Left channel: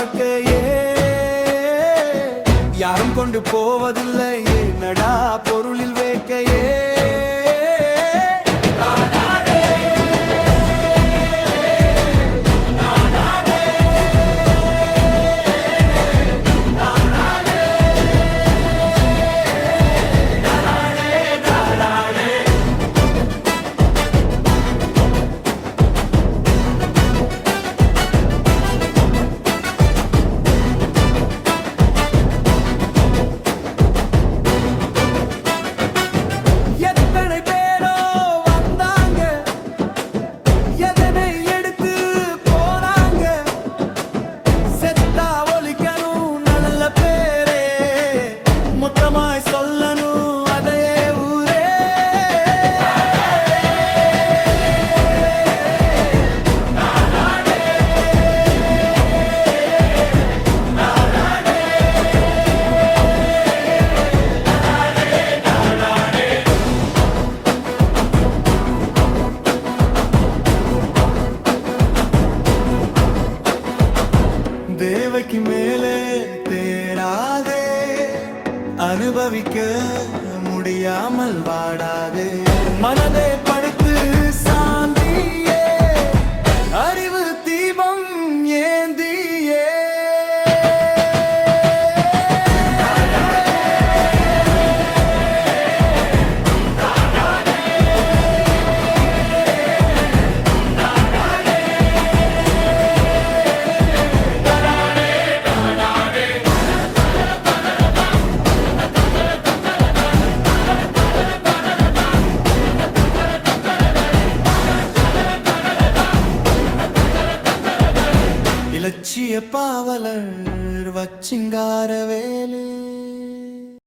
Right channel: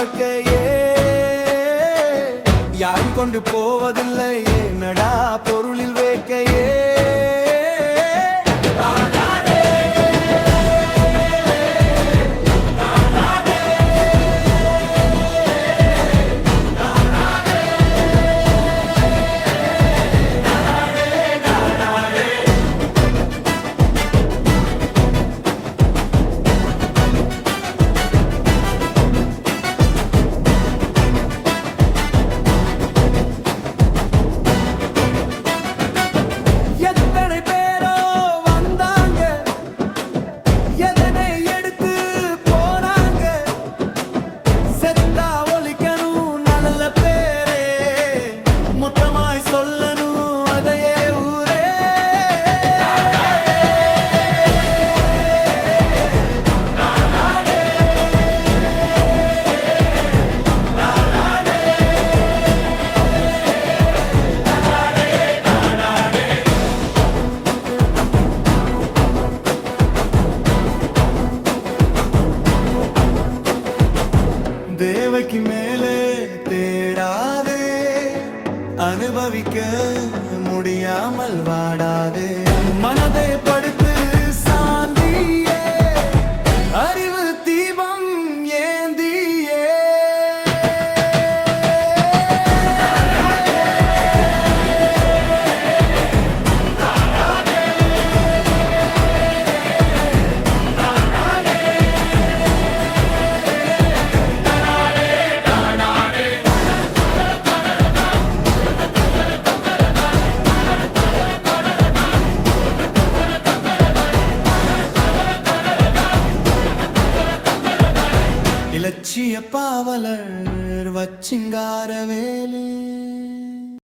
வாழ்க்கையே யாரும் கொண்டு போவதில்லையே நடா பொருளில் வேக்கையே எத்தனை பேரோ வந்தாங்க எதனை எடுத்து போனாங்க செத்தா ஒலிக்கணும் நல்ல பேரே மொத்தமாய் சொல்லணும் அதையே ஊரே தேவைக்கு மேலே தேடாதே அனுபவிக்க முடியாமல் வாடாதே மனதை படுத்து சாந்தியே அறிவு தீபம் ஏந்தியே இலட்சிய பாவலர் வச்சிங்கார வேலு